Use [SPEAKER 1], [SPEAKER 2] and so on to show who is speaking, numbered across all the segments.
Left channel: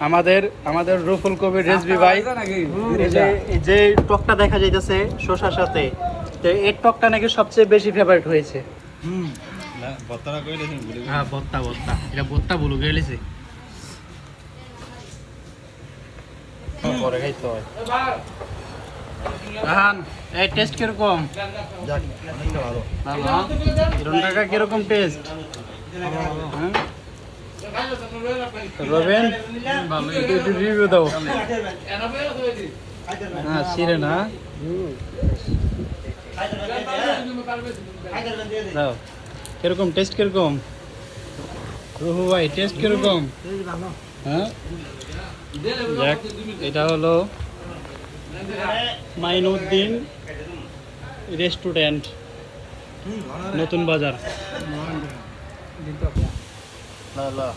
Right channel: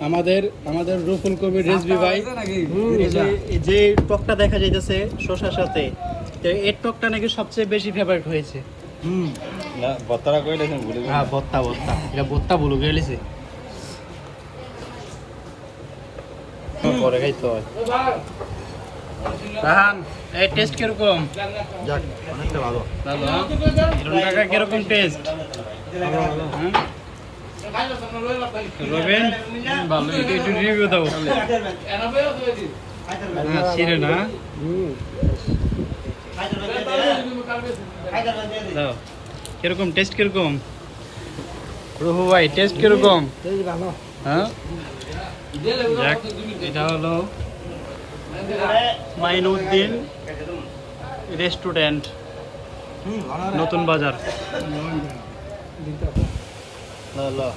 [SPEAKER 1] আমাদের আমাদের রুফুল কবির রেজবি ভাই। যে যে টকটা দেখা যাইতেছে শসার সাথে তো এই টকটা নাকি সবচেয়ে বেশি ফেভারিট হয়েছে? হুম।
[SPEAKER 2] বত্তারা ভুলে
[SPEAKER 1] হ্যাঁ বত্তা বত্তা। এটা বত্তা বলু গেলেছে পরে খাইতে হয়। এই টেস্ট কীরকম?
[SPEAKER 2] যাক অনেকটা ভালো।
[SPEAKER 1] ভালো হ্যাঁ? কীরকম টেস্ট হ্যাঁ? রবেন? একটু রিভিউ দাও। হ্যাঁ ছিঁড়ে না দাও। কীরকম টেস্ট কীরকম? রুহু ভাই টেস্ট কীরকম? হ্যাঁ? যাক, এটা হলো মাইনুদ্দিন রেস্টুরেন্ট নতুন বাজার। কাকা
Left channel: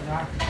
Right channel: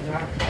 [SPEAKER 1] কাকা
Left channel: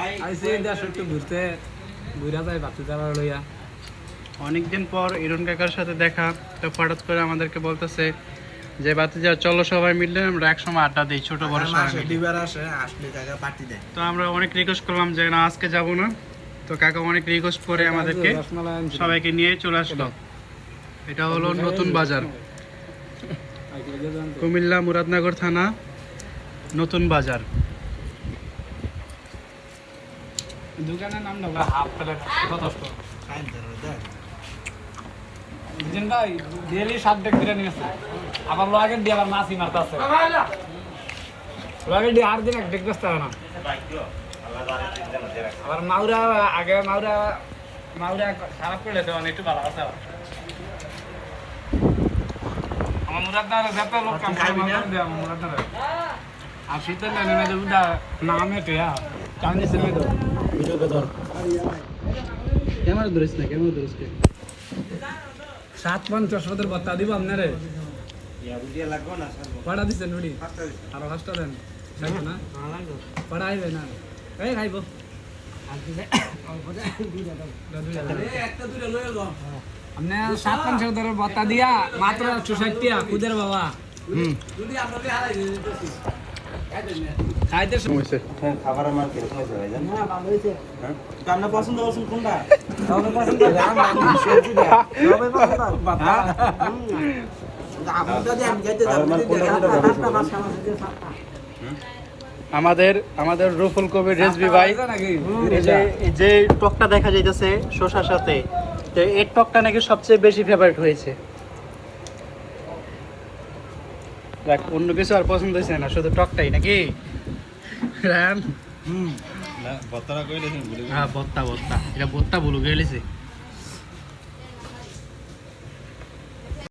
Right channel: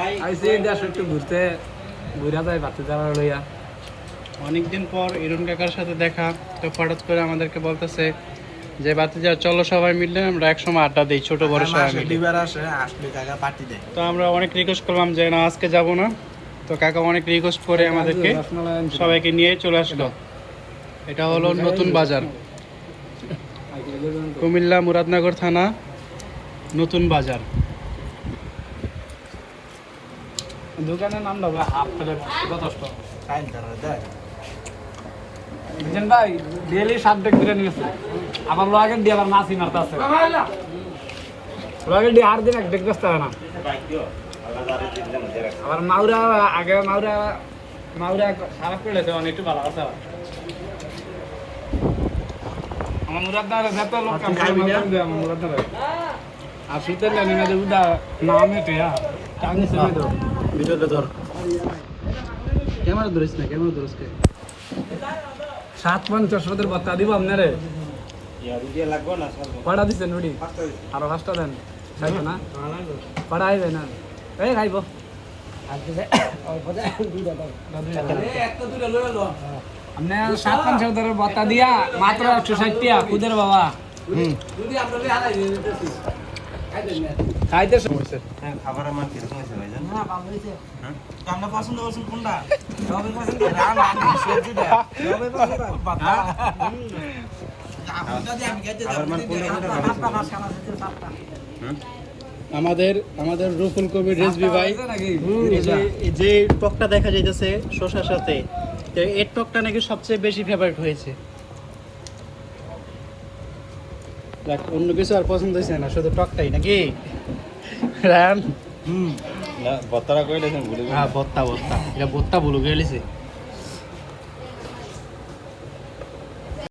[SPEAKER 3] আইসি দেশ একটু ঘুরতে ঘুরা যায় বাচ্চা যারা লইয়া।
[SPEAKER 1] অনেকদিন পর ইরন কাকার সাথে দেখা তো হঠাৎ করে আমাদেরকে বলতেছে যে বাতিজা চলো সবাই মিললে আমরা একসময় আড্ডা দিই ছোট বড় তো আমরা অনেক রিকোয়েস্ট করলাম যে না আজকে যাব না। তো কাকা অনেক রিকোয়েস্ট করে আমাদেরকে সবাইকে নিয়ে চলে আসলো। এটা হলো নতুন বাজার। কুমিল্লা মুরাদনগর থানা নতুন বাজার।
[SPEAKER 3] দোকানের নাম দাও। হাফ প্লেট
[SPEAKER 2] দেয়
[SPEAKER 3] ভাই ডেলি সাত ডেক ধরে নিয়েছে। আবার লোয়াকে দিয়ে আবার মাছই মারতে আছে লোয়াকে দিয়ে আর দিন এক ডেক ব্যস্ত না। আবার মাউরা আগে মাউরা মাউরা খারাপ করেছে অনেক একটু ভালো আছে। আমার মুরাদদার যাতে লোক কাম করে না যদি নাম হ্যাঁ। টানি সিনে দাও
[SPEAKER 1] ভিডিওতে ধর। ক্যামেরা ধরিস না ক্যামেরা ধরিস কে?
[SPEAKER 3] সাত পঞ্চাশ ওদের বার্তা দিব আপনারে।
[SPEAKER 2] রুটিয়া লাগবো না সব
[SPEAKER 3] পাড়া দিচ্ছেন নুডি আরও পাঁচটা দেন। না? পাড়া আইবে না? এই খাইব। আপনি সাত বার্তা দিয়া মাত্র একশো ষাট টিয়া কুদের বাবা।
[SPEAKER 1] হুম।
[SPEAKER 3] খাইতে
[SPEAKER 2] খাবারের মান কীরকম হয়েছে ভাই জান
[SPEAKER 1] রান্না পছন্দ করছেন কোনটা?
[SPEAKER 3] সবাই পছন্দ করে। সবাই পছন্দ
[SPEAKER 2] খাবারের কোনটা কোনটা বেশি হুম?
[SPEAKER 1] আমাদের আমাদের রুফুল কবির রেজবি ভাই। যে যে টকটা দেখা যাইতেছে শসার সাথে তো এই টকটা নাকি সবচেয়ে বেশি ফেভারিট হয়েছে। দেখ অন্য কিছু আর পছন্দ হয়েছে না শুধু টকটাই নাকি? রায়ান?
[SPEAKER 2] না বত্তারা কইলেছেন ভুলে
[SPEAKER 1] হ্যাঁ বত্তা বত্তা। এটা বত্তা বলু গেলেছে